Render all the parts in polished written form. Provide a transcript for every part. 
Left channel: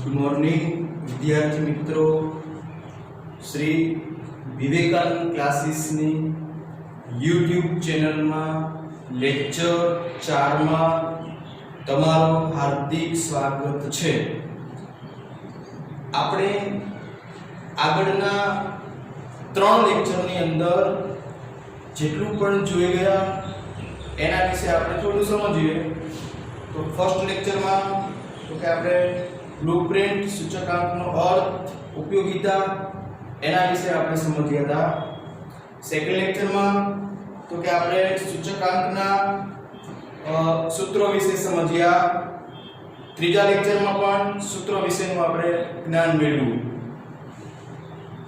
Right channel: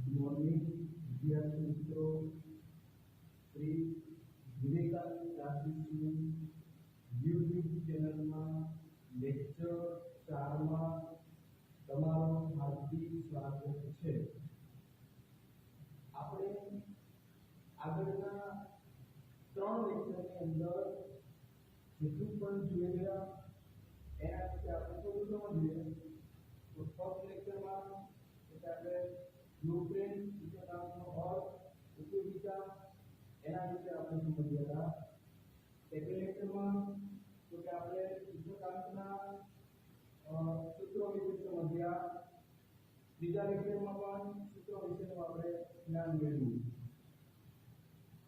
Good morning विद्यार्थी मित्रों। Shri Vivekananda classes ની YouTube ચેનલ માં લેક્ચર 4 માં તમારું હાર્દિક સ્વાગત છે। આપણે આગળના 3 લેક્ચરની અંદર જેટલું પણ જોઈ ગયા એના વિશે આપણે થોડું સમજીએ। તો ફર્સ્ટ લેક્ચરમાં તો કે આપણે બ્લુપ્રિન્ટ સૂચકાંકનો અર્થ ઉપયોગિતા એના વિશે આપણે સમજ્યા હતા। સેકન્ડ લેક્ચરમાં તો કે આપણે સૂચકાંકના સૂત્રો વિશે સમજ્યા। ત્રીજા લેક્ચરમાં પણ સૂત્રો વિશેનું આપણે જ્ઞાન મેળવ્યું।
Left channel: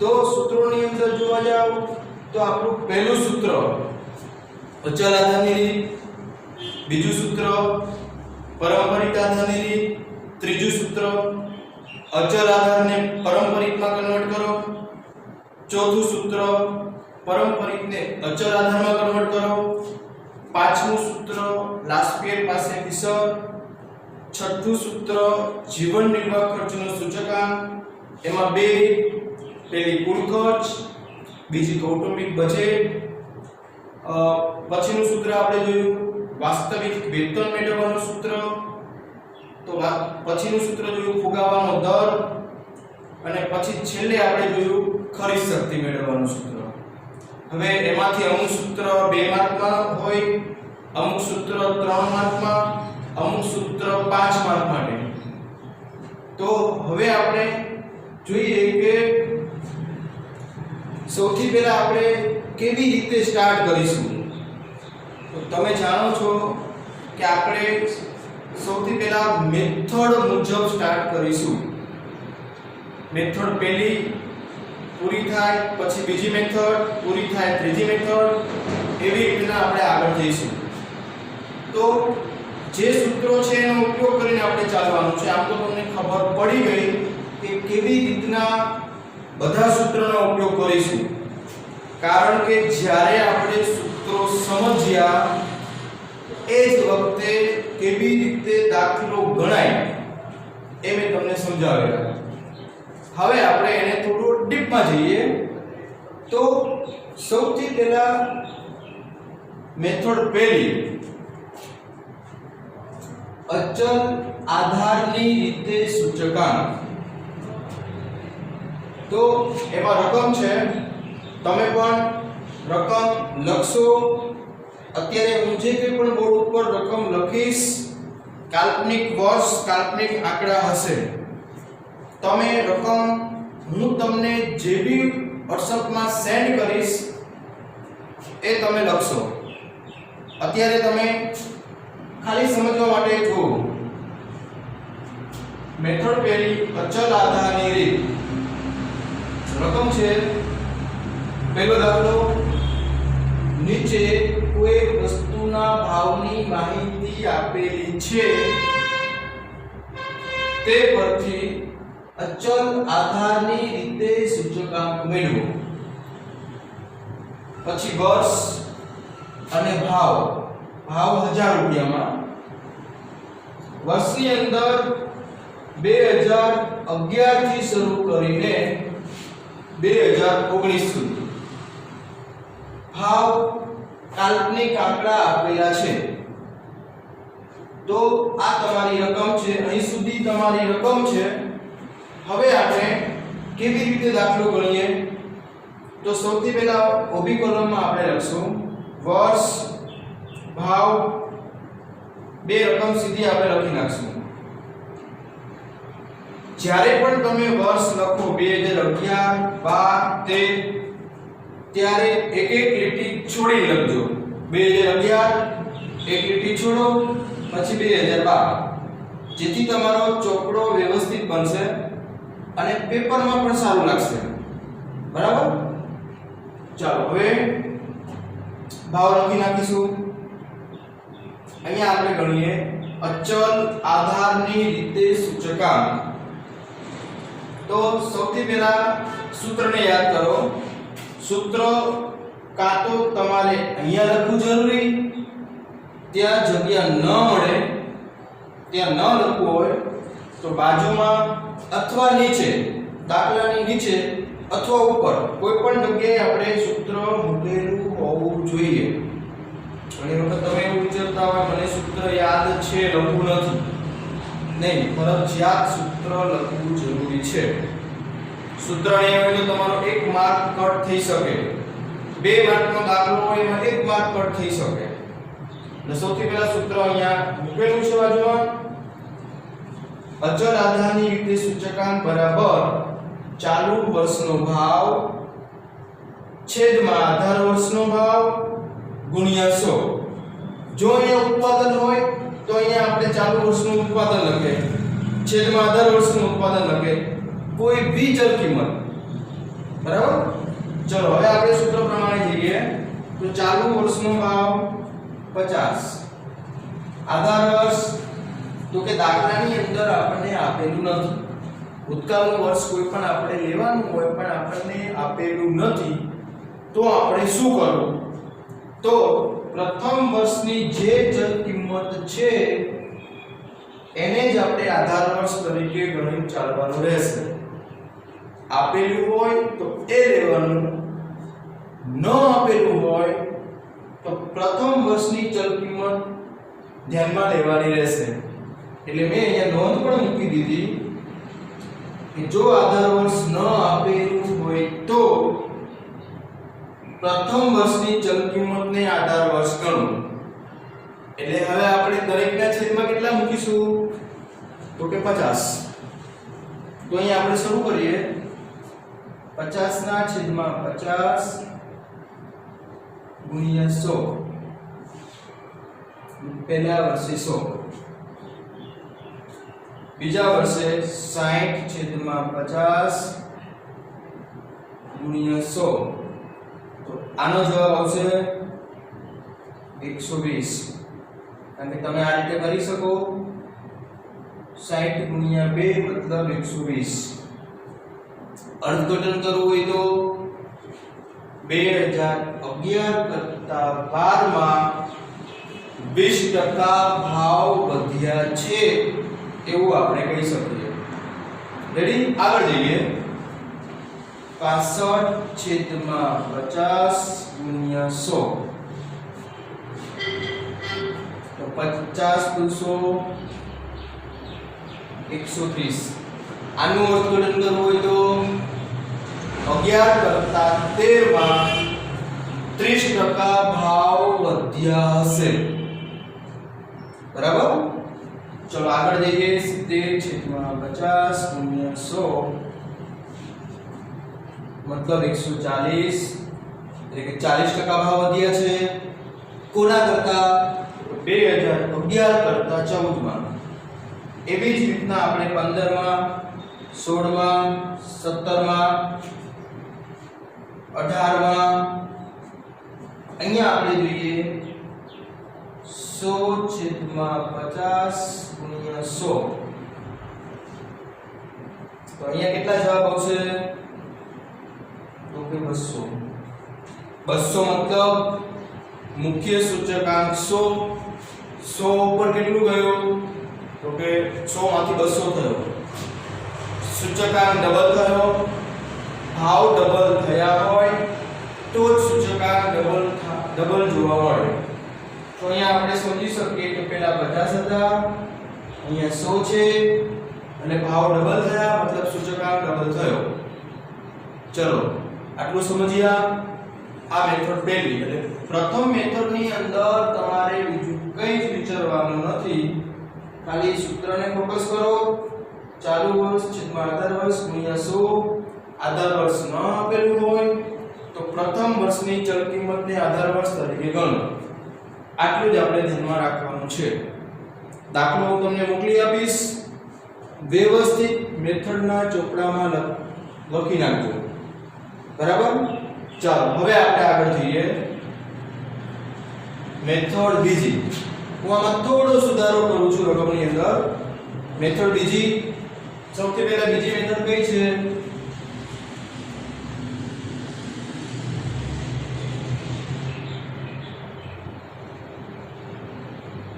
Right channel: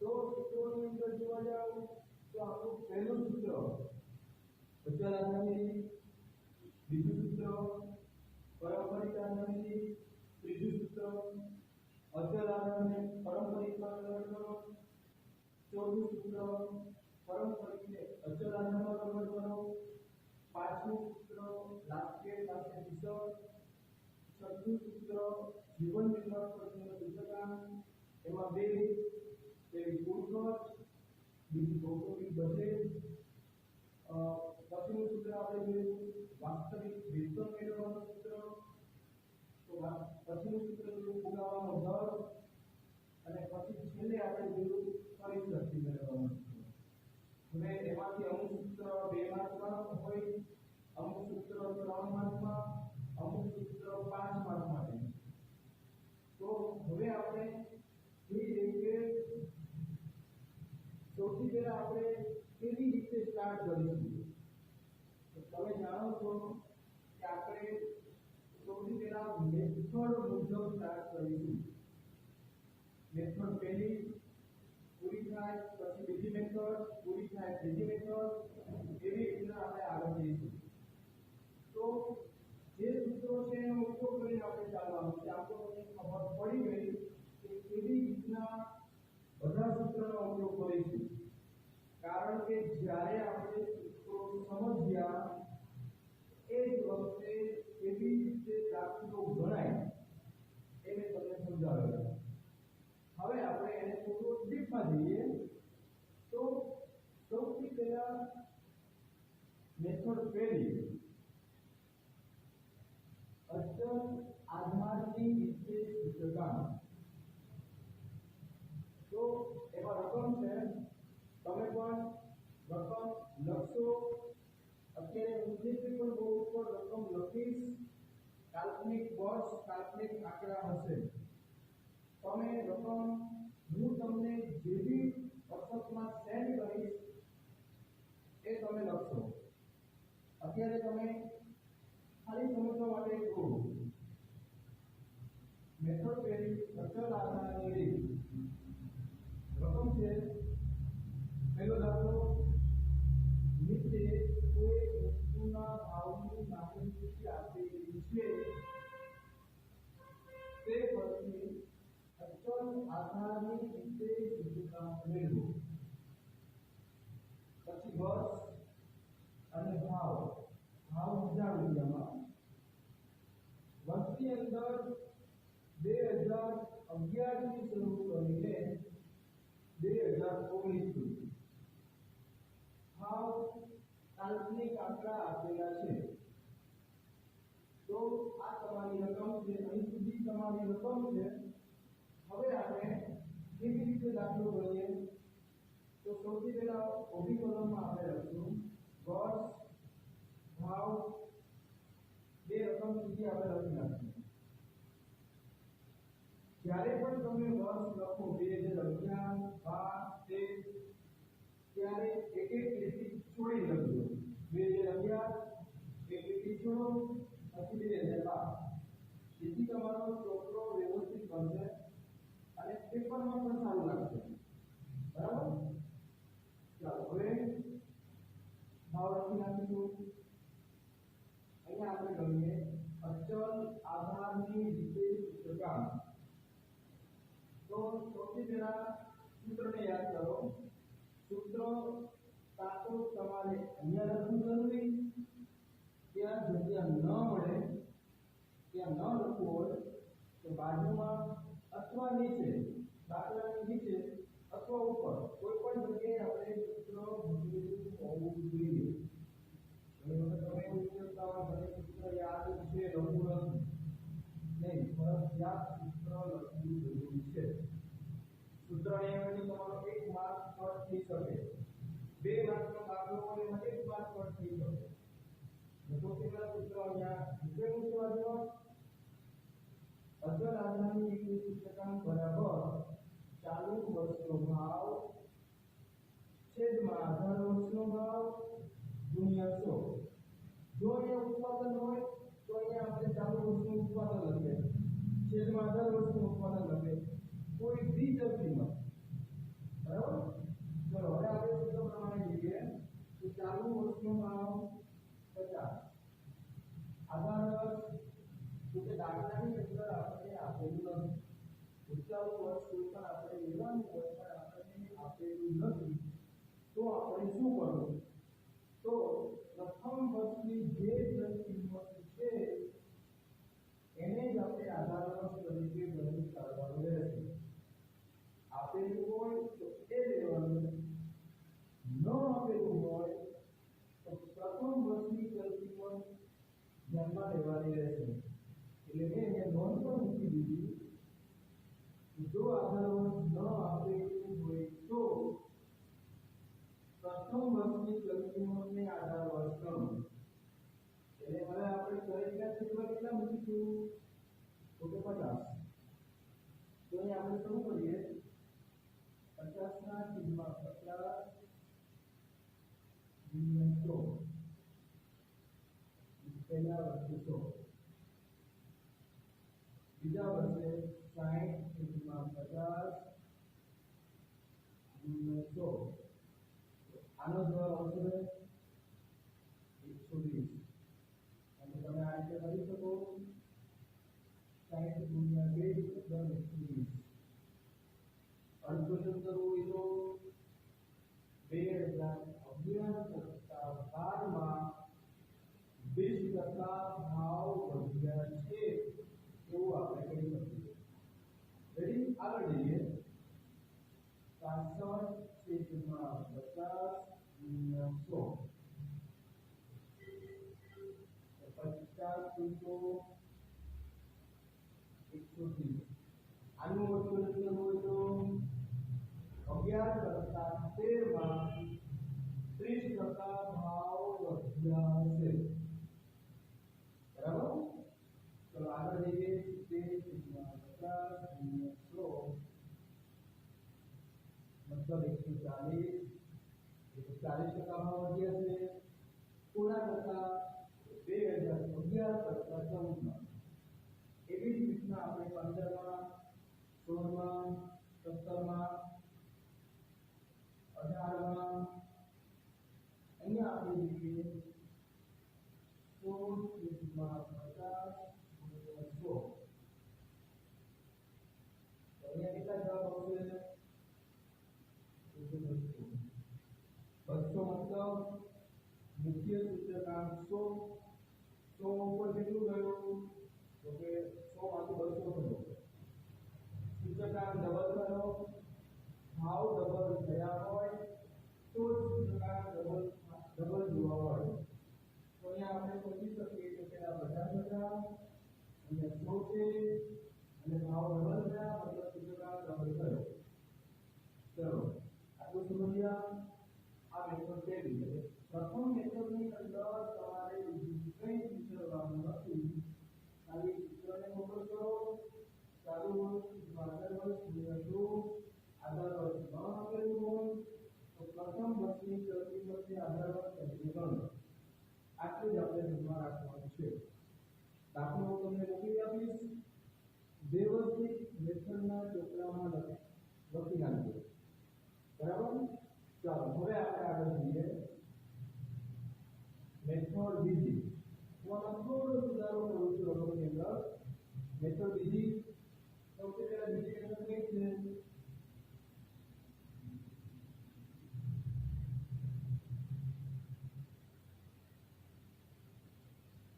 તો સૂત્રોની અંદર જોવા જાવ તો આપણું પહેલું સૂત્ર અચલ આધારની રીત, બીજું સૂત્ર પારંપરિક આધારની રીત, ત્રીજું સૂત્ર અચલ આધારને પારંપરિકમાં કન્વર્ટ કરો, ચોથું સૂત્ર પારંપરિકને અચલ આધારમાં કન્વર્ટ કરો, પાંચમું સૂત્ર લાસ્પિયર પાસેથી સર, છઠ્ઠું સૂત્ર જીવન નિર્વાહ ખર્ચનો સૂચકાંક, એમાં બે રીત, પહેલી કુલ ખર્ચ, બીજી કૌટુંબિક બજેટ, પછીનું સૂત્ર આપણે જોયું વાસ્તવિક વેતન મેળવવાનું સૂત્ર, તો પછીનું સૂત્ર જોયું ફુગાવાનો દર, અને પછી છેલ્લે આપણે જોયું ખરીદ શક્તિ મેળવવાનું સૂત્ર। હવે એમાંથી અમુક સૂત્ર 2 માર્કમાં હોય, અમુક સૂત્ર 3 માર્કમાં, અમુક સૂત્ર 5 માર્ક માટે। તો હવે આપણે જોઈએ કે સૌથી પહેલા આપણે કેવી રીતે સ્ટાર્ટ કરીશું। તો તમે જાણો છો કે આપણે સૌથી પહેલા મેથડ મુજબ સ્ટાર્ટ કરીશું। મેથડ પહેલી પૂરી થાય પછી બીજી મેથડ પૂરી થાય ત્રીજી મેથડ, એવી રીતના આપણે આગળ જઈશું। તો જે સૂત્રો છે એનો ઉપયોગ કરીને આપણે ચાલવાનું છે। આમ તો તમને ખબર પડી ગઈ કે કેવી રીતના બધા સૂત્રોનો ઉપયોગ કરીશું, કારણ કે જ્યારે આપણે સૂત્રો સમજ્યા એ જ વખતે કેવી રીતે દાખલો ગણાય એ મેં તમને સમજાવ્યા। હવે આપણે એને થોડું ડીપમાં જઈએ। તો સૌથી પહેલા મેથડ પહેલી અચલ આધારની રીતે સૂચકાંક। તો એમાં રકમ છે, તમે પણ રકમ લખશો। અત્યારે હું જે કંઈ પણ બોર્ડ ઉપર રકમ લખીશ કાલ્પનિક વર્ષ કાલ્પનિક આંકડા હશે, તમે રકમ હું તમને જે બી WhatsAppમાં સેન્ડ કરીશ એ તમે લખશો। અત્યારે તમે ખાલી સમજવા માટે જુઓ। મેથડ પહેલી અચલ આધારની રીત। રકમ છે, પહેલો દાખલો, નીચે કોઈ વસ્તુના ભાવની માહિતી આપેલી છે, તે પરથી અચલ આધારની રીતે સૂચકાંક મેળવો। પછી વર્ષ અને ભાવ, ભાવ 1000 રૂપિયામાં, વર્ષની અંદર 2011 થી શરૂ કરીને 2019 સુધી ભાવ કાલ્પનિક આંકડા આપેલા છે। તો આ તમારી રકમ છે, અહીં સુધી તમારી રકમ છે। હવે આપણે કેવી રીતે દાખલો ગણીએ? તો સૌથી પહેલા ઊભી કોલમમાં આપણે લખશું વર્ષ ભાવ, બે રકમ સીધી આપણે લખી નાખશું। જ્યારે પણ તમે વર્ષ લખો 2011 12 13, ત્યારે એક એક લીટી છોડી લખજો। 2011 એક લીટી છોડો, પછી 2012, જેથી તમારો ચોપડો વ્યવસ્થિત બનશે અને પેપરમાં પણ સારું લાગશે। બરાબર? ચાલો હવે ભાવ લખી નાખીશું। અહીંયા આપણે ગણીએ અચલ આધારની રીતે સૂચકાંક। તો સૌથી પહેલા સૂત્રને યાદ કરો। સૂત્ર કાં તો તમારે અહીંયા લખવું જરૂરી, ત્યાં જગ્યા ન મળે ત્યાં ન લખવું હોય તો બાજુમાં અથવા નીચે, દાખલાની નીચે અથવા ઉપર કોઈ પણ જગ્યાએ આપણે સૂત્ર મૂકેલું હોવું જોઈએ. ઘણી વખત તમે એવું વિચારતા હોય મને સૂત્ર યાદ છે, લખવું નથી. નહીં, ફરજિયાત સૂત્ર લખવું જરૂરી છે. સૂત્ર નહીં હોય તો તમારો 1 માર્ક કટ થઈ શકે. 2 માર્કનો દાખલો હોય એમાં 1 માર્ક કટ થઈ શકે. એટલે સૌથી પહેલા સૂત્ર અહીંયા મૂકેલું છે બાજુમાં. અચળ આધારની રીતે સૂચકાંક બરાબર ચાલુ વર્ષનો ભાવ છેદમાં આધાર વર્ષનો ભાવ ગુણ્યા 100. જો અહીંયા ઉત્પાદન હોય તો અહીંયા આપણે ચાલુ વર્ષનું ઉત્પાદન લખે, છેદમાં આધાર વર્ષનું ઉત્પાદન લખે, કોઈ બી ચલ કિંમત. બરાબર? ચલો હવે આપણે સૂત્ર પ્રમાણે જઈએ. તો ચાલુ વર્ષનો ભાવ 50, આધાર વર્ષ તો કે દાખલાની અંદર આપણને આપેલું નથી. ભૂતકાળનું વર્ષ કોઈ પણ આપણે લેવાનું હોય પણ આપણને આપેલું નથી, તો આપણે શું કરવું? તો પ્રથમ વર્ષની જે ચલ કિંમત છે એને જ આપણે આધાર વર્ષ તરીકે ગણી ચાલવાનું રહેશે. આપેલું હોય તો એ લેવાનું, ન આપેલું હોય તો પ્રથમ વર્ષની ચલ કિંમત ધ્યાનમાં લેવાની રહેશે. એટલે મેં અહીંયા નોંધ પણ મૂકી દીધી કે જો આધાર વર્ષ ન આપેલું હોય તો પ્રથમ વર્ષની ચલ કિંમતને આધાર વર્ષ ગણવું. એટલે હવે આપણે દરેકના છેદમાં કેટલા મૂકીશું? તો કે 50. તો અહીંયા આપણે શરૂ કરીએ. 50 ના છેદમાં 50 ગુણ્યા 100. પહેલા વર્ષે 100, બીજા વર્ષે 60 છેદમાં 50 ગુણ્યા 100. તો આનો જવાબ આવશે 120. કારણ કે તમે આ રીતે કરી શકો. 60 ગુણ્યા 2 મતલબ 120. અર્થઘટન કરવું હોય તો 2011 કરતા 12 માં 20% ભાવ વધ્યા છે એવું આપણે કહી શકીએ. રેડી? આગળ જઈએ. 65 છેદમાં 50 ગુણ્યા 100. તો 50 દુસો 130. આનું અર્થઘટન કરવું હોય તો 11 કરતા 13 માં 30% ભાવ વધ્યા હશે. બરાબર? ચલો આગળ જઈએ. 70 છેદમાં 50 ગુણ્યા 100 મતલબ 140. એટલે કે 40% ભાવ વધ્યા છે. કોના કરતા? 2011 કરતા 14 માં. એવી જ રીતના આપણે 15 માં, 16 માં, 17 માં, 18 માં અહીંયા આપણે જોઈએ 100 છેદમાં 50 ગુણ્યા 100. તો અહીંયા કેટલા જવાબ આવશે? તો કે 200. 200 મતલબ મુખ્ય સૂચકાંક 100. 100 ઉપર કેટલું ગયું? તો કે 100 માંથી 200 થયો. સૂચકાંક ડબલ થયો. ભાવ ડબલ થયા હોય તો જ સૂચકાંક ડબલ જોવા મળે. તો અહીંયા આપણે સમજી શકીએ કે પહેલા 50 હતા, અહીંયા 100 છે અને ભાવ ડબલ થયા મતલબ સૂચકાંક ડબલ થયો. ચલો આટલું સમજ્યા. આ મેથડ પહેલી. એટલે પ્રથમ મેથડની અંદર તમારે બીજું કંઈ જ વિચારવાનું નથી. ખાલી સૂત્રને ફોકસ કરો. ચાલુ વર્ષ છેદમાં આધાર વર્ષ ગુણ્યા 100. આધાર વર્ષ ન આપેલું હોય તો પ્રથમ વર્ષની ચલ કિંમતને આધાર વર્ષ તરીકે ગણો. આટલું જ આપણે ધ્યાનમાં રાખવાનું છે. દાખલો હું તમને મોકલી આપીશ. વ્યવસ્થિત મેથડના ચોપડામાં લખી નાખજો. બરાબર? ચાલો હવે આપણે આગળ જઈએ. મેથડ બીજી. હું આમાં થોડો સુધારો કરું છું રકમની અંદર. મેથડ બીજી. સૌથી પહેલા બીજી મેથડ કઈ છે?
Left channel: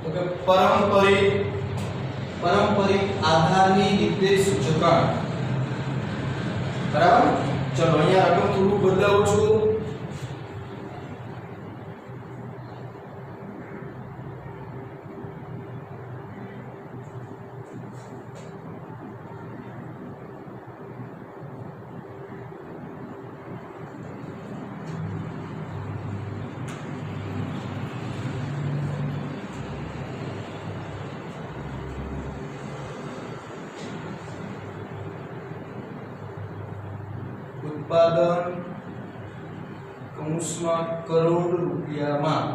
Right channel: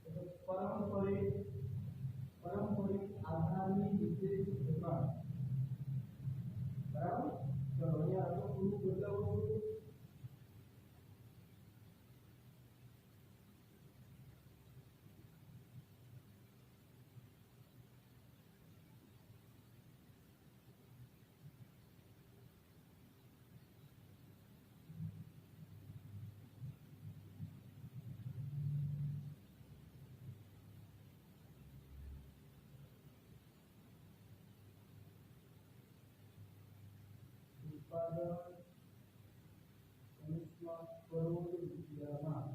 તો કે પારંપરિક આધારની રીતે સૂચકાંક બરાબર. ચલો અહીંયા રકમ થોડું બદલાવું છું. उत्पादन કૌંસમાં કરોડ રૂપિયામાં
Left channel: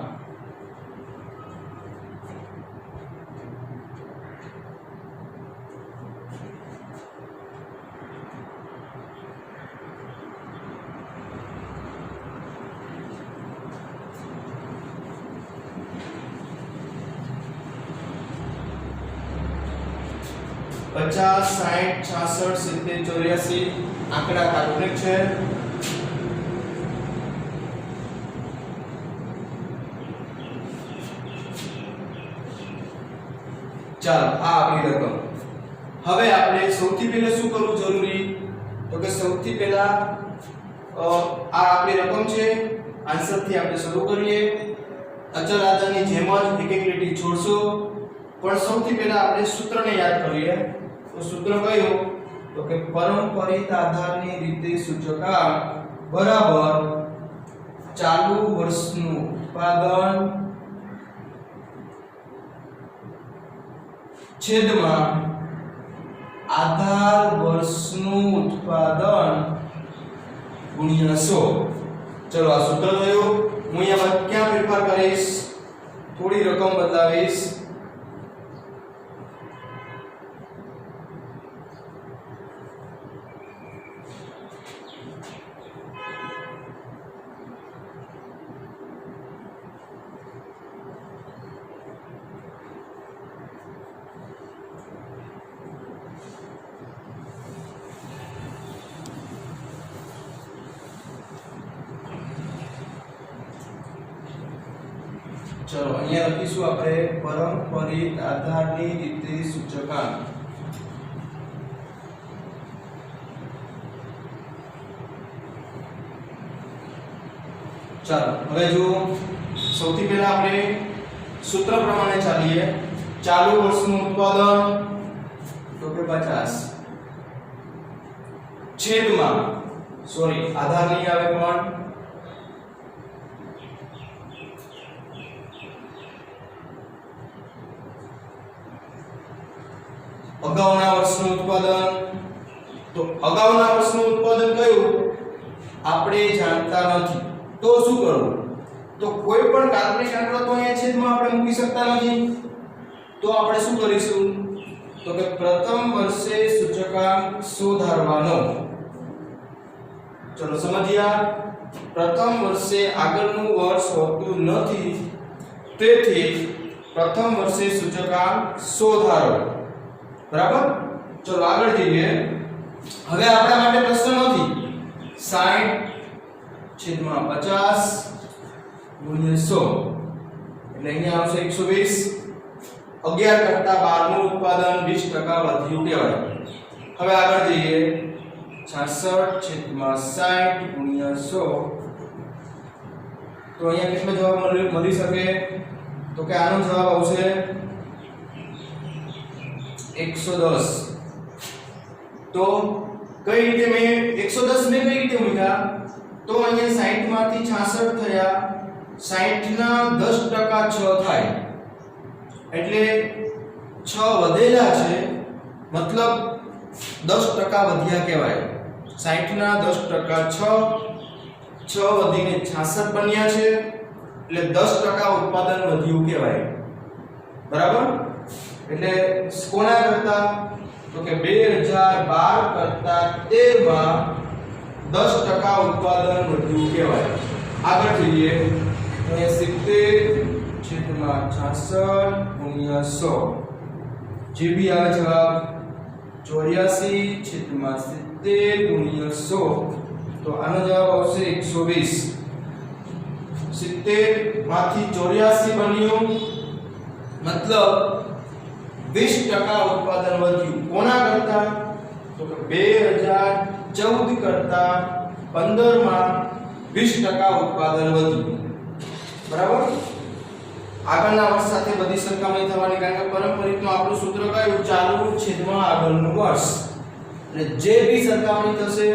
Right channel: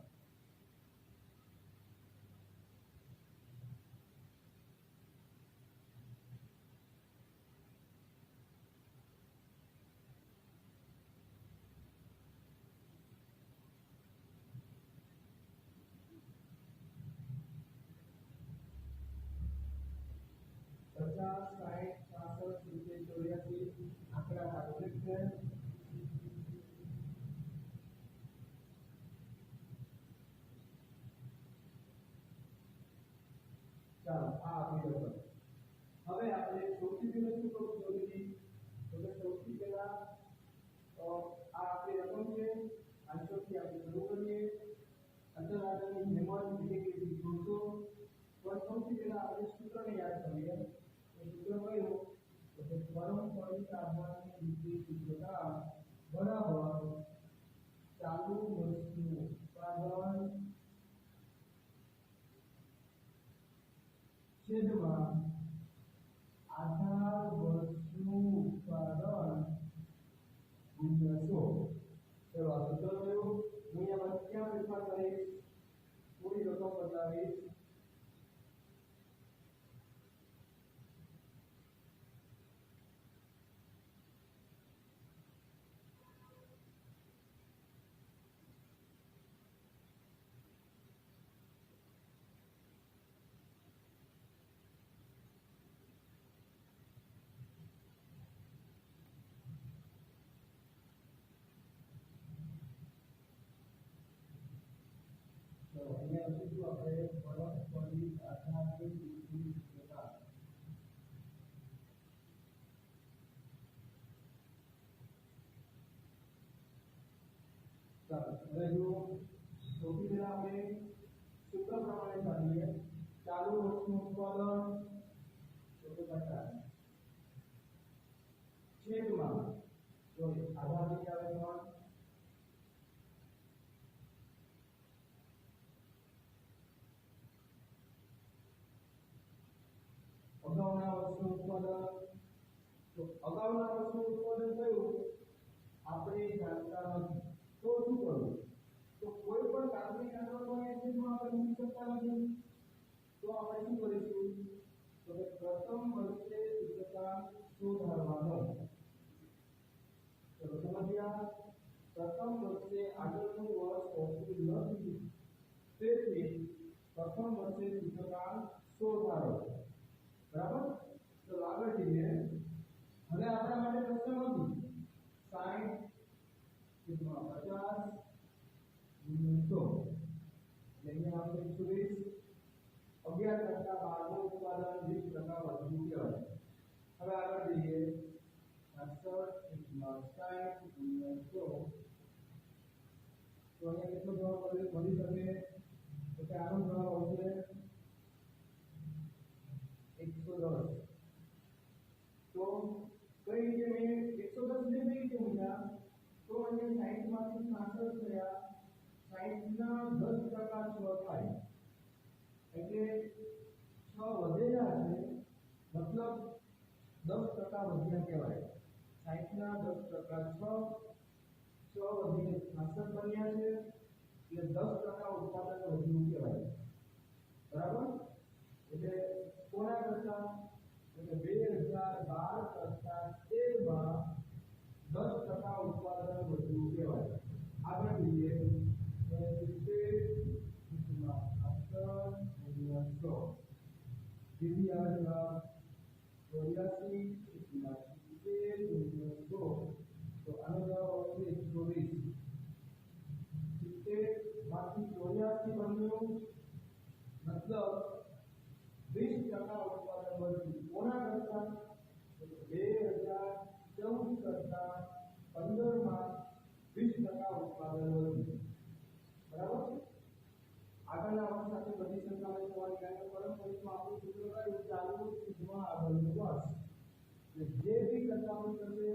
पचास 60 66 70 84 आंकड़ा काल्पनिक है. ચાલો આ આપણી રકમ. હવે આપણે સૌથી પહેલા શું કરવું જરૂરી તો કે સૌથી પહેલા આ આપણી રકમ છે. આન્સર થી આપણે શરૂ કરીએ. અચળ આધારની જેમ જ એક એક લીટી છોડશો પણ સૌથી પહેલા આપણે સૂત્રને યાદ કરીએ. તો સૂત્ર કયું તો કે પરંપરિત આધારની રીતે સૂચકાંક બરાબર ચાલુ વર્ષનું ઉત્પાદન છેદમાં આધાર વર્ષનું ઉત્પાદન ગુણ્યા 100. ચલો આ સૂત્ર થયું. હું અહીંયા ક્યાં ફેરફાર કરીશ, થોડી રકમ બદલાવીશ. चलो અહીંયા લખીશું આપણે પરંપરિત આધારની રીતે સૂચકાંક. ચાલો હવે જો સૌથી પહેલા આપણે સૂત્ર પ્રમાણે ચાલીએ. ચાલુ વર્ષનું ઉત્પાદન તો કે 50 છેદમાં સોરી આધાર નહીં આવે પણ અગાઉના વર્ષનું ઉત્પાદન. તો અગાઉના વર્ષનું ઉત્પાદન કયું આપણે જાણતા નથી તો શું કરવું તો કોઈ પણ કાલ્પનિક આંકડો તો અહીંયા છેદમાં આપણે મૂકી શકતા નથી. તો આપણે શું કરીશું તો કે પ્રથમ વર્ષે સૂચકાંક સુધારવાનો. ચલો સમજ્યા. પ્રથમ વર્ષે આગળનું વર્ષ હોતું નથી તેથી પ્રથમ વર્ષે સૂચકાંક સુધારો. બરાબર. ચલો આગળ જઈએ. હવે આપણા માટે પ્રશ્ન નથી 60 છેદમાં 50 ગુણ્યા 100 એટલે અહીંયા આવશે 120. 11 કરતા 12 નું ઉત્પાદન 20% વધ્યું કહેવાય. હવે આગળ જઈએ 66 છેદમાં 60 ગુણ્યા 100 તો અહીંયા કેટલો જવાબ મળી શકે તો કે આનો જવાબ આવશે 110. તો કઈ રીતે મેં 110 ને કઈ રીતે મૂક્યા તો અહીંયા 60 માંથી 66 થયા 60 ના 10% 6 થાય એટલે 6 વધેલા છે મતલબ 10% વધ્યા કહેવાય. 60 ના 10% 6 વધીને 66 બન્યા છે એટલે 10% ઉત્પાદન વધ્યું કહેવાય. બરાબર. એટલે કોના કરતા તો કે 2012 કરતા 13 માં 10% ઉત્પાદન વધ્યું કહેવાય. આગળ જોઈએ તો 70 છેદમાં 66 ગુણ્યા 100 જે બી આવે જવાબ 84 છેદમાં 70 ગુણ્યા 100 તો આનો જવાબ આવશે 120. 70 માંથી 84 બન્યું મતલબ 20% ઉત્પાદન વધ્યું. કોના કરતા? તો કે 2014 કરતા 15 માં 20% ઉત્પાદન વધ્યું. બરાબર. આગળના વર્ષ સાથે બધી સરખામણી થવાની, કારણ કે પારંપરિકમાં આપણું સૂત્ર કયું? ચાલુ છેદમાં આગળનું વર્ષ. એટલે જે બી સરખામણી થશે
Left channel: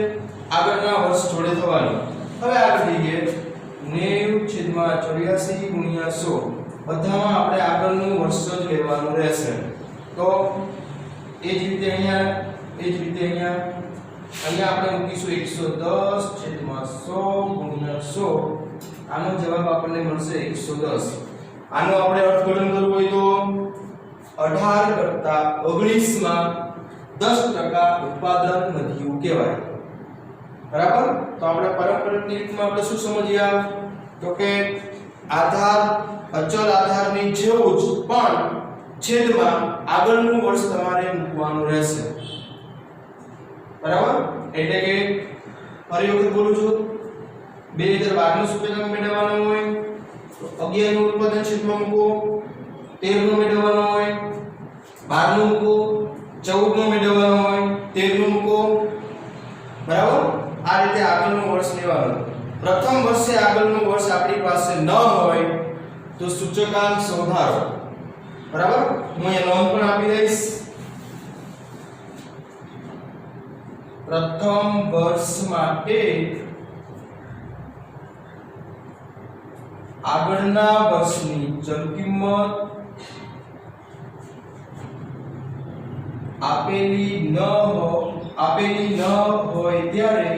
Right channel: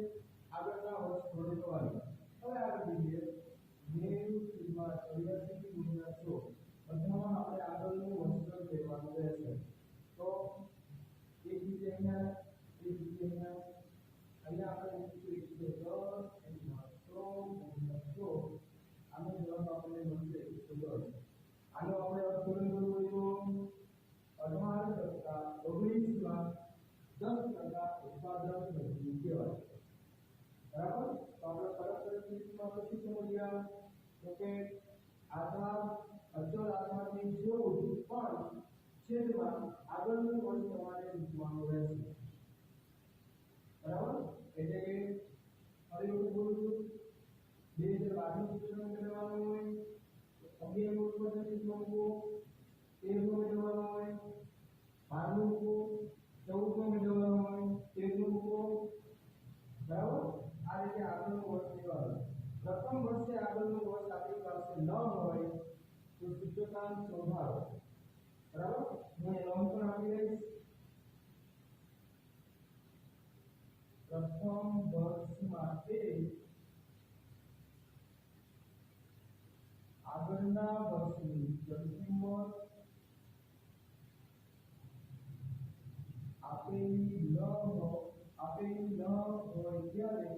આગળના વર્ષ જોડે થવાની. હવે આગળ જઈએ 90/84 ગુણ્યા 100. બધામાં આપણે આગળનું વર્ષ જ લેવાનું રહેશે. તો એ જ રીતે અહીંયા આપણે મૂકીશું 110/100 ગુણ્યા 100. આનો જવાબ આપણને મળશે 110. આનો આપણે અર્થઘટન કરવું હોય તો 18 કરતા 19 માં 10% ઉત્પાદન વધ્યું કહેવાય. બરાબર. તો આપણે પારંપરિક રીતમાં આપણે શું સમજ્યા? તો કે આધાર અચલ આધારની જેવું જ પણ છેદમાં આગળનું વર્ષ તમારે મૂકવાનું રહેશે. બરાબર. એટલે કે ફરી વખત બોલું છું, 2012 નું સૂચકાંક મેળવવાનો હોય તો 11 નું ઉત્પાદન છેદમાં મૂકો, 13 નું મેળવવાનો હોય 12 નું મૂકો, 14 નું મેળવવાનો હોય 13 નું મૂકો. બરાબર. આ રીતે આગળનું વર્ષ લેવાનું. પ્રથમ વર્ષે આગળનું વર્ષ આપણી પાસે ન હોય તો સૂચકાંક શોધારો. બરાબર. હું અહીંયા નોંધ પણ આપી દઈશ. પ્રથમ વર્ષ માટે આગળના વર્ષની ચલ કિંમત આપેલી ન હોય ત્યારે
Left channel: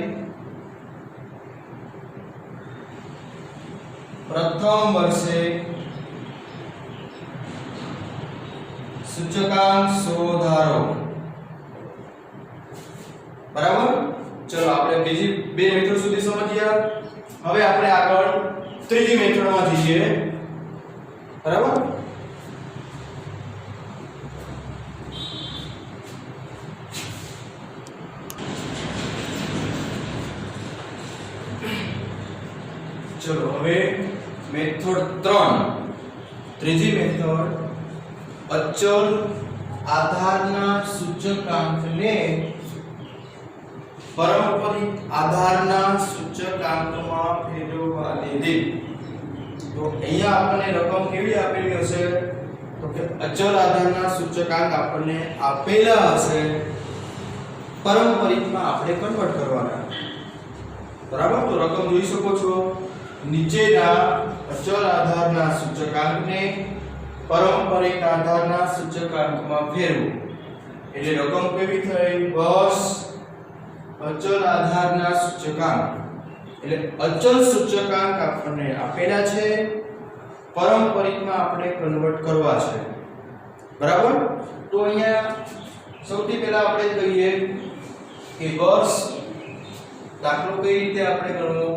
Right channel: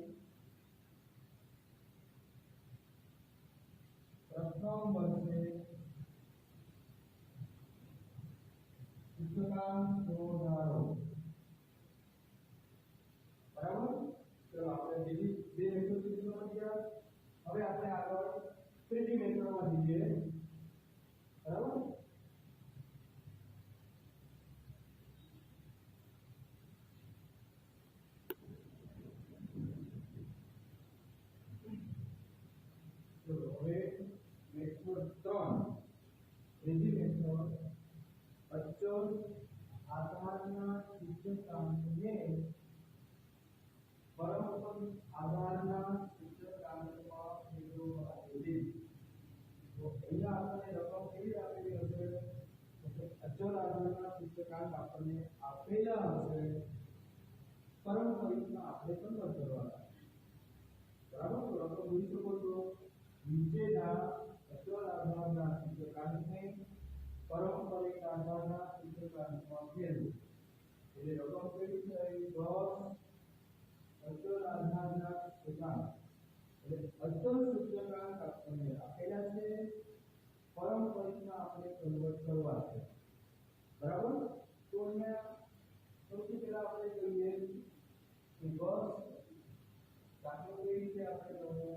પ્રથમ વર્ષે સૂચકાંક શોધારો. બરાબર. ચલો આપણે બીજી બે મેથડ સુધી સમજ્યા. હવે આપણે આગળ ત્રીજી મેથડમાં જઈએ. બરાબર. ચલો હવે મેથડ 3, ત્રીજી મેથડ અચલ આધારના સૂચકાંકને પારંપરિક આધારના સૂચકાંકમાં ફેરવવાની રીત. તો અહીંયા આપણને રકમ કેવી આપેલી હશે? તો કે અચલ આધારના સૂચકાંક આપણને આપેલા હશે, પારંપરિકમાં આપણે કન્વર્ટ કરવાના. બરાબર. તો રકમ જોઈ શકો છો. નીચેના અચલ આધારના સૂચકાંકને પારંપરિક આધારના સૂચકાંકમાં ફેરવો. એટલે રકમ કેવી થઈ? વર્ષ અચલ આધારના સૂચકાંક. એટલે અચલ સૂચકાંક આપણને આપેલા છે, પારંપરિકમાં આપણે કન્વર્ટ કરવા છે. બરાબર. તો અહીંયા સૌથી પહેલા આપણે કહીએ કે વર્ષ. દાખલો કઈ રીતે આપણે ગણવો?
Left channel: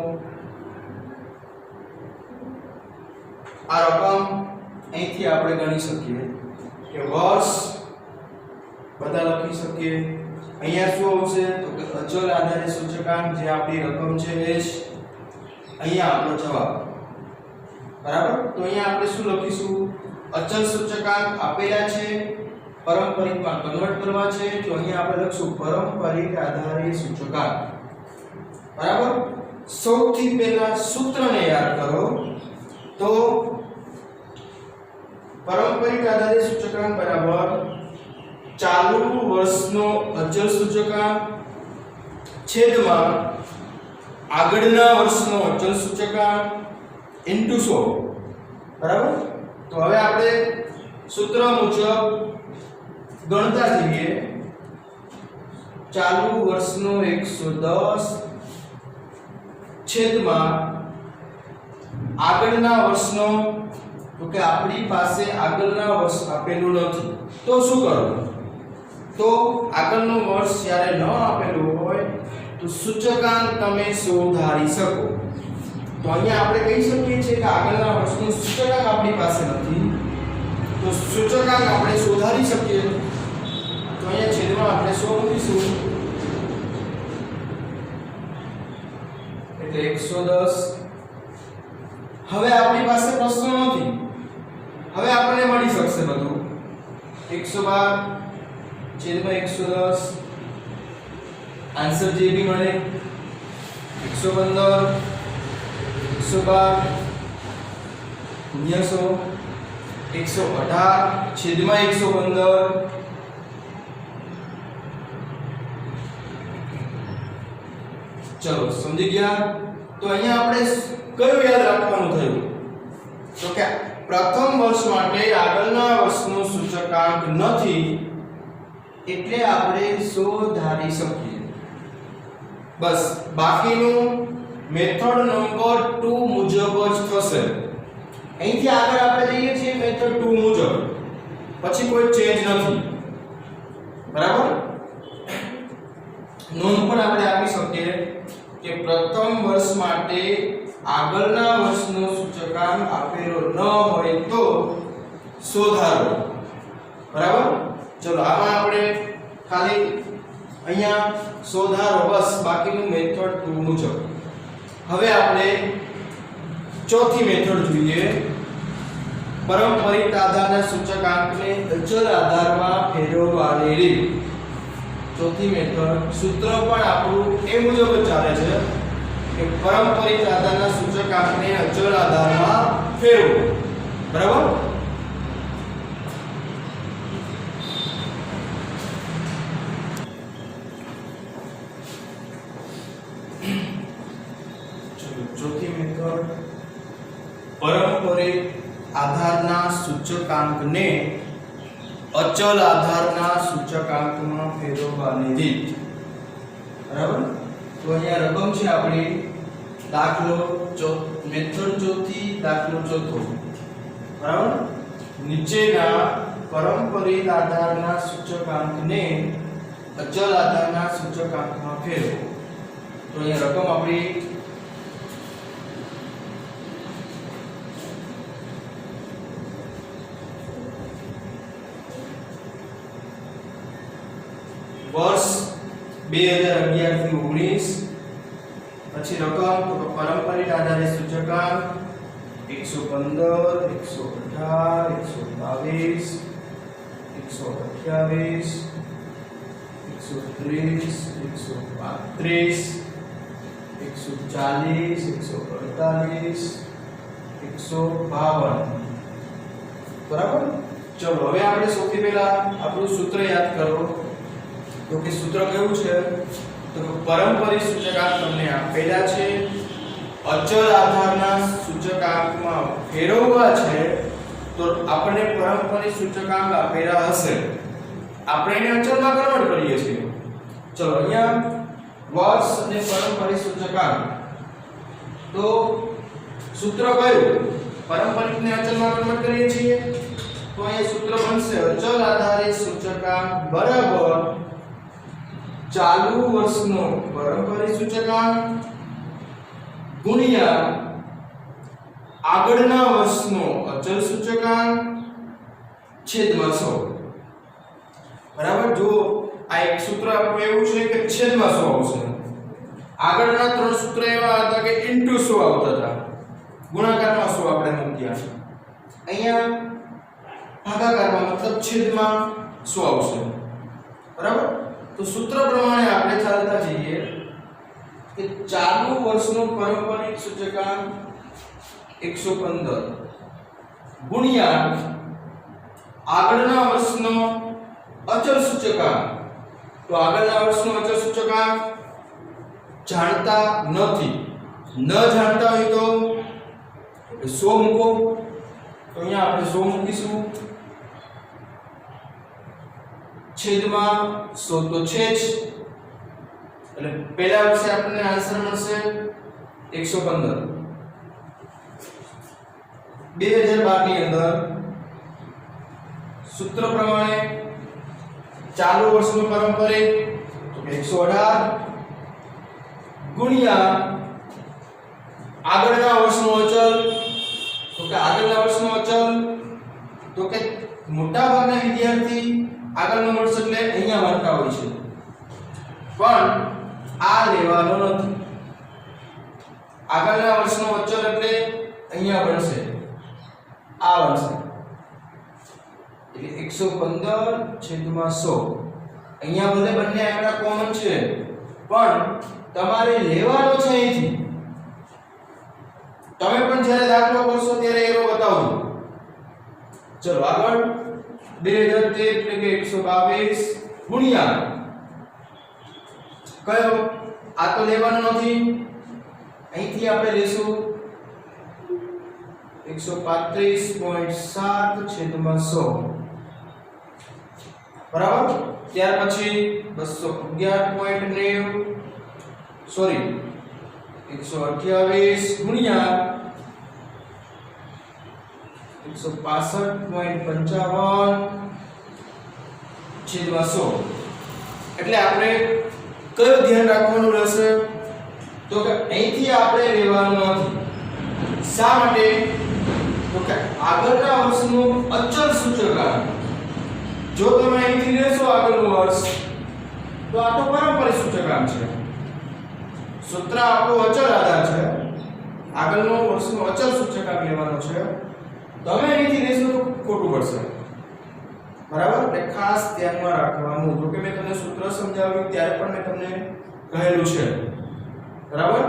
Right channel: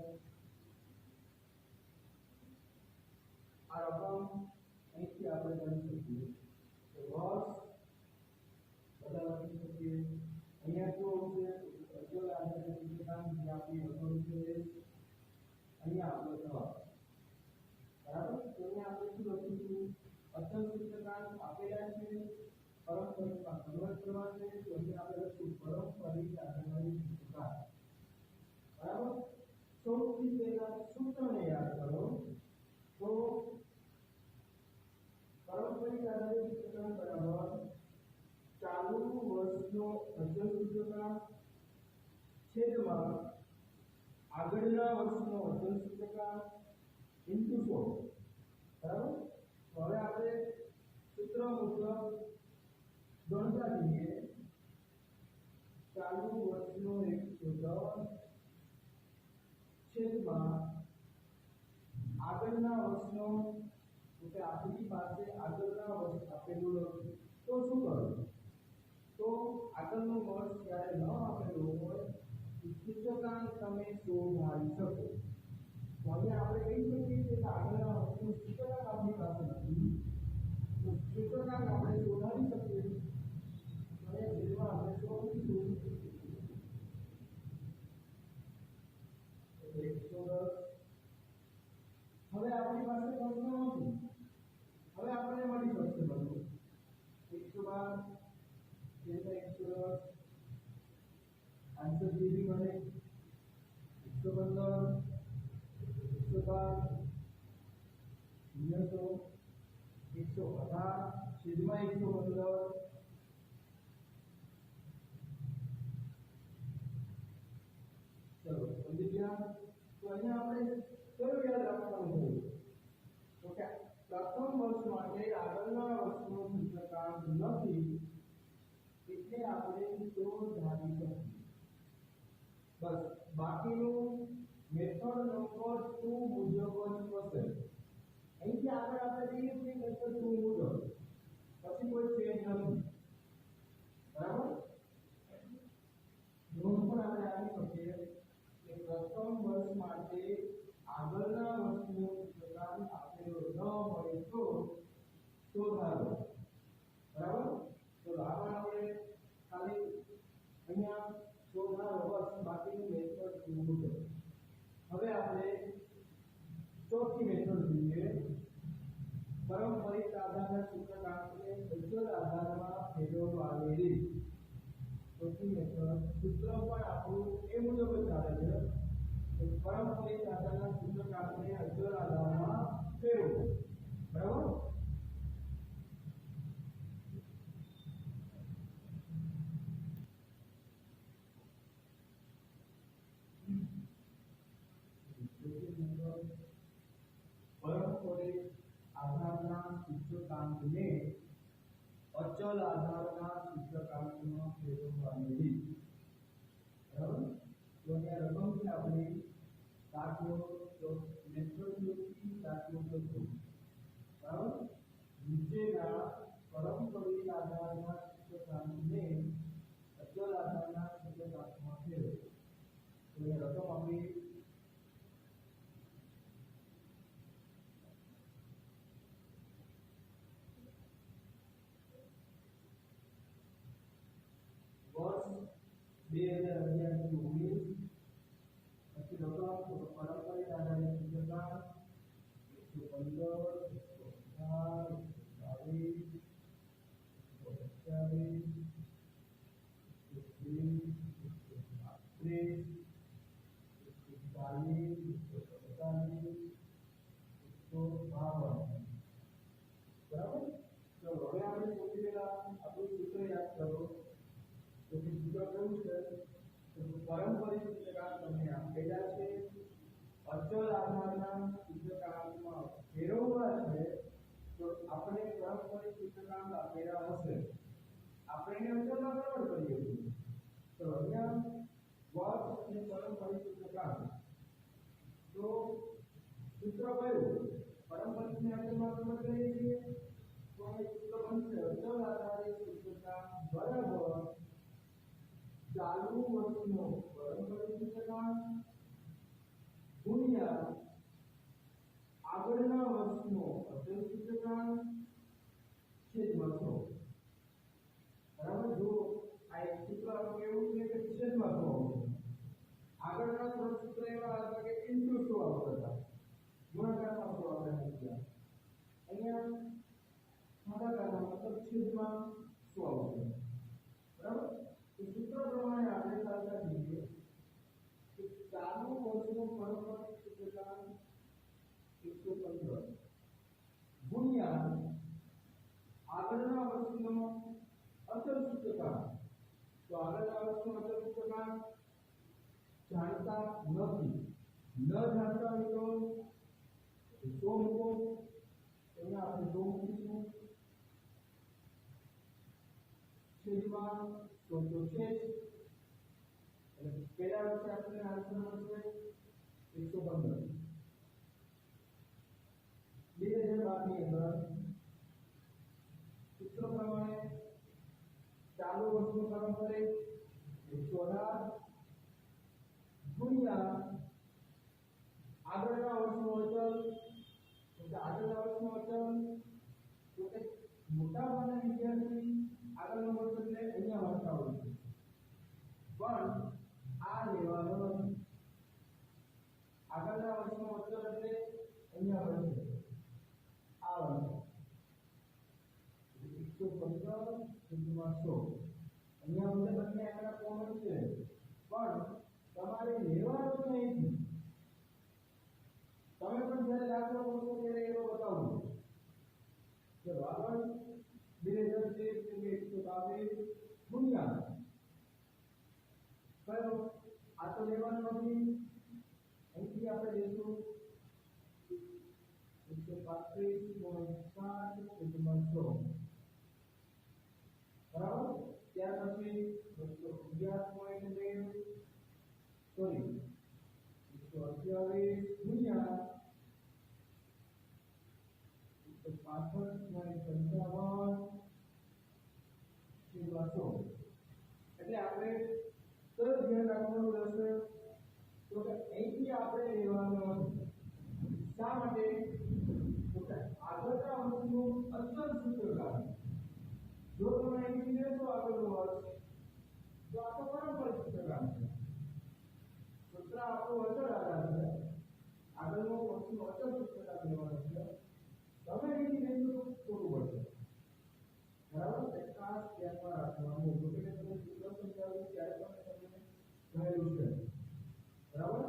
આ રકમ અહીંથી આપણે ગણી શકીએ કે વર્ષ બધા લખી શકીએ. અહીંયા શું આવશે? તો કે અચલ આધારે સૂચકાંક, જે આપણી રકમ છે એ જ અહીંયા આપણો જવાબ. બરાબર. તો અહીંયા આપણે શું લખીશું? અચલ સૂચકાંક આપેલા છે, પારંપરિકમાં કન્વર્ટ કરવા છે. તો અહીંયા આપણે લખશું પારંપરિક આધારે સૂચકાંક. બરાબર. સૌથી પહેલા સૂત્રને યાદ કરો. તો પારંપરિક આધારે સૂચકાંક બરાબર ચાલુ વર્ષનો અચલ સૂચકાંક છેદમાં આગળના વર્ષનો અચલ સૂચકાંક ઇન્ટુ 100. બરાબર. તો હવે આપણે સૂત્ર મુજબ ગણતા જઈએ. ચાલુ વર્ષનો 110 છેદમાં આગળના વર્ષનો, તો કે આપણી પાસે આગળના વર્ષ આપેલું નથી. તો શું કરવું? તો આગળનું વર્ષ જ્યારે ન આપેલું હોય તો સૂચકાંક તમે શોધારી શકો. તો અહીંયા આપણે કહી શકીએ છીએ કે આગળના વર્ષનું સૂચકાંક આપણી પાસે નથી, તો સૂચકાંક આપણે શોધારી શકીએ. તો અહીંયા છેદમાં આપણે 100 મૂકીશું. એટલે 110. હવે આપણી પાસે પ્રશ્ન નથી, હવે આપણને મળી શકશે બધું. 112 છેદમાં 110 આન્સર જે બી મળે 115 112 ગુણ્યા 100 118 છેદમાં 115 ચલો સમજી ગયા। તો અહીંયા આપણે કયું યાદ રાખવાનું થયું તો કે પ્રથમ વર્ષ માટે આગળના વર્ષનો સૂચકાંક નથી એટલે આપણે 100 ધારી શકીએ બસ બાકીનું મેથડ નંબર 2 મુજબ જ થશે। અહીંથી આગળ આપણે જઈએ છીએ મેથડ 2 મુજબ પછી કોઈ ચેન્જ નથી બરાબર। નોંધ પણ આપણે આપી શકીએ કે પ્રથમ વર્ષ માટે આગળના વર્ષનો સૂચકાંક આપેલો ન હોય તો 100 ધારો બરાબર। ચલો આમાં આપણે ખાલી અહીંયા 100 ધારો બસ બાકીનું મેથડ 2 મુજબ। હવે આપણે ચોથી મેથડ જોઈએ પરંપરિત આધારના સૂચકાંકને અચલ આધારમાં ફેરવવાની રીત। ચોથી મેથડ સૂત્ર પણ આપણું એ મુજબ જ ચાલે છે કે પરંપરિત આધારના સૂચકાંકને અચળ આધારમાં ફેરવો બરાબર। ચોથી મેથડ પરંપરિત આધારના સૂચકાંકને અચલ આધારના સૂચકાંકમાં ફેરવવાની રીત બરાબર। તો અહીંયા રકમ છે આપણી દાખલો મેથડ ચોથી દાખલો ચોથો બરાબર। નીચેના પરંપરિત આધારના સૂચકાંકને અચલ આધારના સૂચકાંકમાં ફેરવો। તો અહીંયા રકમ આપણી વર્ષ 2011 થી 19 પછી રકમ તો પરંપરિત આધારે સૂચકાંક 115 118 122 128 130 135 140 148 152 બરાબર। ચલો હવે આપણે સૌથી પહેલા આપણું સૂત્ર યાદ કરો તો કે સૂત્ર કેવું છે તો પરંપરિત સૂચકાંક તમને આપેલા છે અચલ આધારના સૂચકાંકમાં ફેરવવા છે તો આપણે પરંપરિત સૂચકાંક આપેલા હશે આપણે એને અચલમાં કન્વર્ટ કરીએ છીએ। ચલો અહીંયા વર્ષ અને પરંપરિત સૂચકાંક તો સૂત્ર કયું પરંપરિતને અચલમાં કન્વર્ટ કરીએ છીએ તો અહીંયા સૂત્ર બનશે અચલ આધારિત સૂચકાંક બરાબર ચાલુ વર્ષનો પરંપરિત સૂચકાંક ગુણ્યા આગળના વર્ષનો અચલ સૂચકાંક છેદમાં 100 બરાબર। જો આ એક સૂત્ર આપણું એવું છે કે છેદમાં 100 આવશે આગળના ત્રણ સૂત્ર એવા હતા કે ઇન્ટુ 100 આવતા હતા ગુણાકારમાં 100 આપણે મૂક્યા અહીંયા ભાગાકારમાં મતલબ છેદમાં 100 આવશે બરાબર। તો સૂત્ર પ્રમાણે આપણે ચાલતા જઈએ કે ચાલુ વર્ષનો પરંપરિત સૂચકાંક 115 ગુણ્યા આગળના વર્ષનો અચલ સૂચકાંક તો આગળના વર્ષનો અચલ સૂચકાંક જાણતા નથી ન જાણતા હોય તો 100 મૂકો તો અહીંયા આપણે 100 મૂકીશું છેદમાં 100 તો છે જ એટલે પહેલા વર્ષે આપણને આન્સર મળશે 115 2012 ની અંદર સૂત્ર પ્રમાણે ચાલુ વર્ષનું પરંપરિત તો 118 ગુણ્યા આગળના વર્ષનો અચલ તો કે આગળના વર્ષનો અચલ તો કે મોટા ભાગના વિદ્યાર્થી આગળનો વર્ષ એટલે અહીંયા મારતા હોય છે પણ આ લેવાનો નથી આગળના વર્ષનો અચલ એટલે અહીંયા બનશે આ બનશે એટલે 115/100. અહીંયા ભલે બંને આંકડા કોમન છે પણ તમારે લેવાનો છે અહીંથી. તમે પણ જ્યારે દાખલો કરશો ત્યારે એરો બતાવજો. ચલો આગળ 2013 એટલે કે 122 ગુણ્યા કયો? આ તો લેવાનો નથી, અહીંથી આપણે લેશું 135.7/100 બરાબર. ત્યાર પછી 211.90 સોરી 128 ગુણ્યા 165.55/100. એટલે આપણે કયો ધ્યાન રાખવાનું રહેશે? તો કે અહીંથી આપણે લેવાનું નથી. શા માટે? તો કે આગળના વર્ષનું અચળ સૂચકાંક જો તમે અહીંથી લેશો આગળનું વર્ષ તો આ તો પારંપરિક સૂચકાંક છે. સૂત્ર આપણો અચળ આધાર છે. આગળનું વર્ષનું અચળ સૂચકાંક લેવાનો છે. તમે અહીંથી લેશો તો ખોટું પડશે. બરાબર? એટલે ખાસ ધ્યાનમાં રાખવાનું. જો કે મેં તમને સૂત્ર સમજાવ્યું ત્યારે પણ મેં તમને કહેલું છે. બરાબર?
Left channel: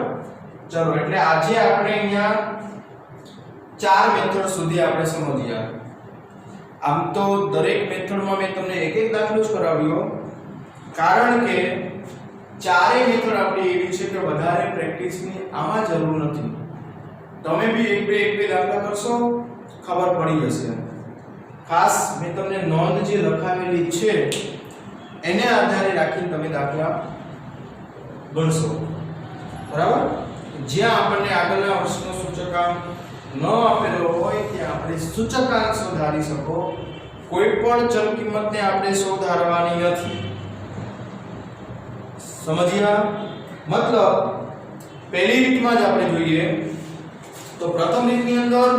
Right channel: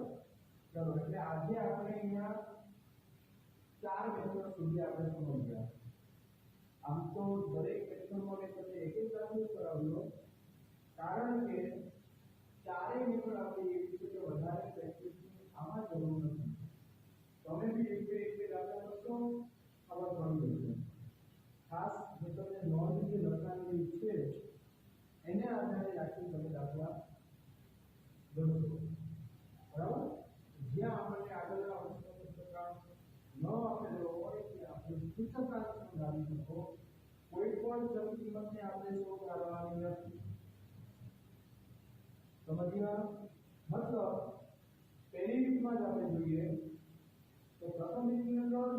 ચલો એટલે આજે આપણે અહીંયા 4 મેથડ સુધી આપણે સમજ્યા. આમ તો દરેક મેથડમાં મેં તમને એક એક દાખલો જ કરાવ્યો કારણ કે ચારેય મેથડ આપણી એવી છે કે વધારે પ્રેક્ટિસની આમાં જરૂર નથી. તમે બી એક બે દાખલા કરશો ખબર પડી જશે. ખાસ મેં તમને નોંધ જે લખાવેલી છે એને આધારે રાખીને તમે દાખલા ગણશો. બરાબર? જ્યાં આપણને આગળના વર્ષનો સૂચકાંક ન આપેલો હોય ત્યાં આપણે સૂચકાંક શોધારી શકો. કોઈ પણ ચલ કિંમતને આપણે શોધારવાની નથી. સમજ્યા? મતલબ પહેલી રીતમાં જ આપણે જોઈએ તો પ્રથમ રીતની અંદર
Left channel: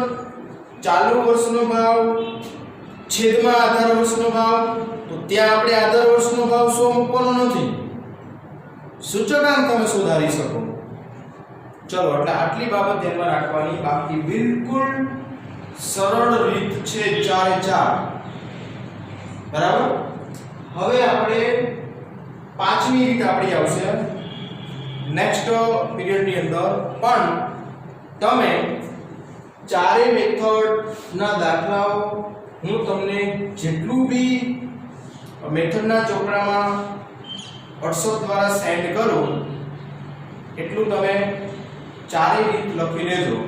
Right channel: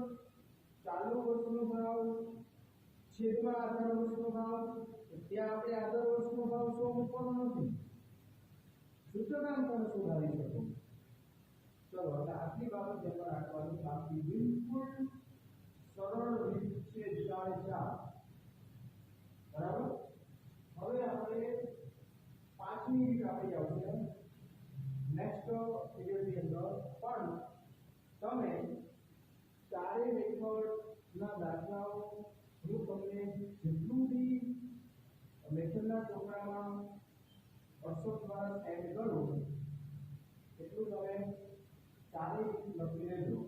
ચાલુ વર્ષનો ભાવ છેદમાં આધાર વર્ષનો ભાવ. તો ત્યાં આપણે આધાર વર્ષનો ભાવ 100 મૂકવાનો નથી. સૂચકાંક તમે શોધારી શકો. ચલો એટલે આટલી બાબત ધ્યાનમાં રાખવાની. બાકી બિલકુલ સરળ રીત છે 4 બરાબર. હવે આપણે પાંચમી રીત આપણી આવશે નેક્સ્ટ પીરિયડની અંદર. પણ તમે ચારે મેથડના દાખલાઓ હું તમને જેટલું બી મેથડના ચોપડામાં WhatsApp દ્વારા સેન્ડ કરું એટલું તમે ચારેય રીત લખી લેજો.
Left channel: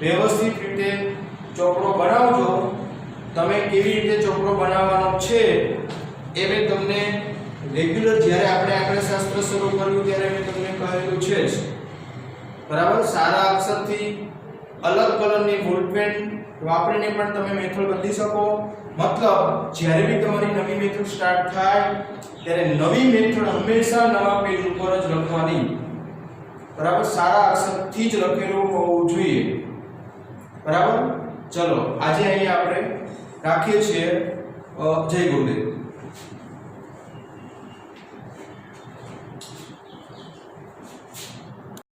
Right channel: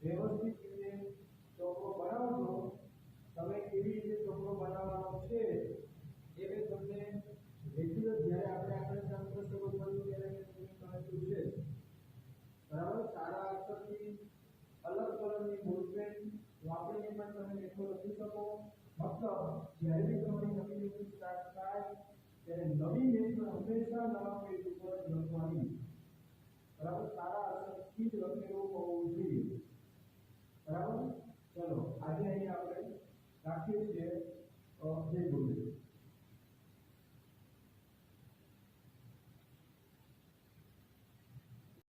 વ્યવસ્થિત રીતે ચોપડો બનાવજો. તમે કેવી રીતે ચોપડો બનાવવાનો છે એ મેં તમને રેગ્યુલર જ્યારે આપણે આંકડાશાસ્ત્ર શરૂ કર્યું ત્યારે મેં તમને કહેલું છે જ. બરાબર? સારા અક્ષરથી અલગ કલરની બોલપેન વાપરીને પણ તમે મેથડ બદલી શકો. મતલબ જ્યારે બી તમારી નવી મેથડ સ્ટાર્ટ થાય ત્યારે નવી મેથડ હંમેશા નવા પેજ ઉપર જ લખવાની. બરાબર? સારા અક્ષરથી જ લખેલું હોવું જોઈએ. બરાબર? ચલો આજે અહીં આપણે રાખીએ છીએ. જય ગુરુદેવ.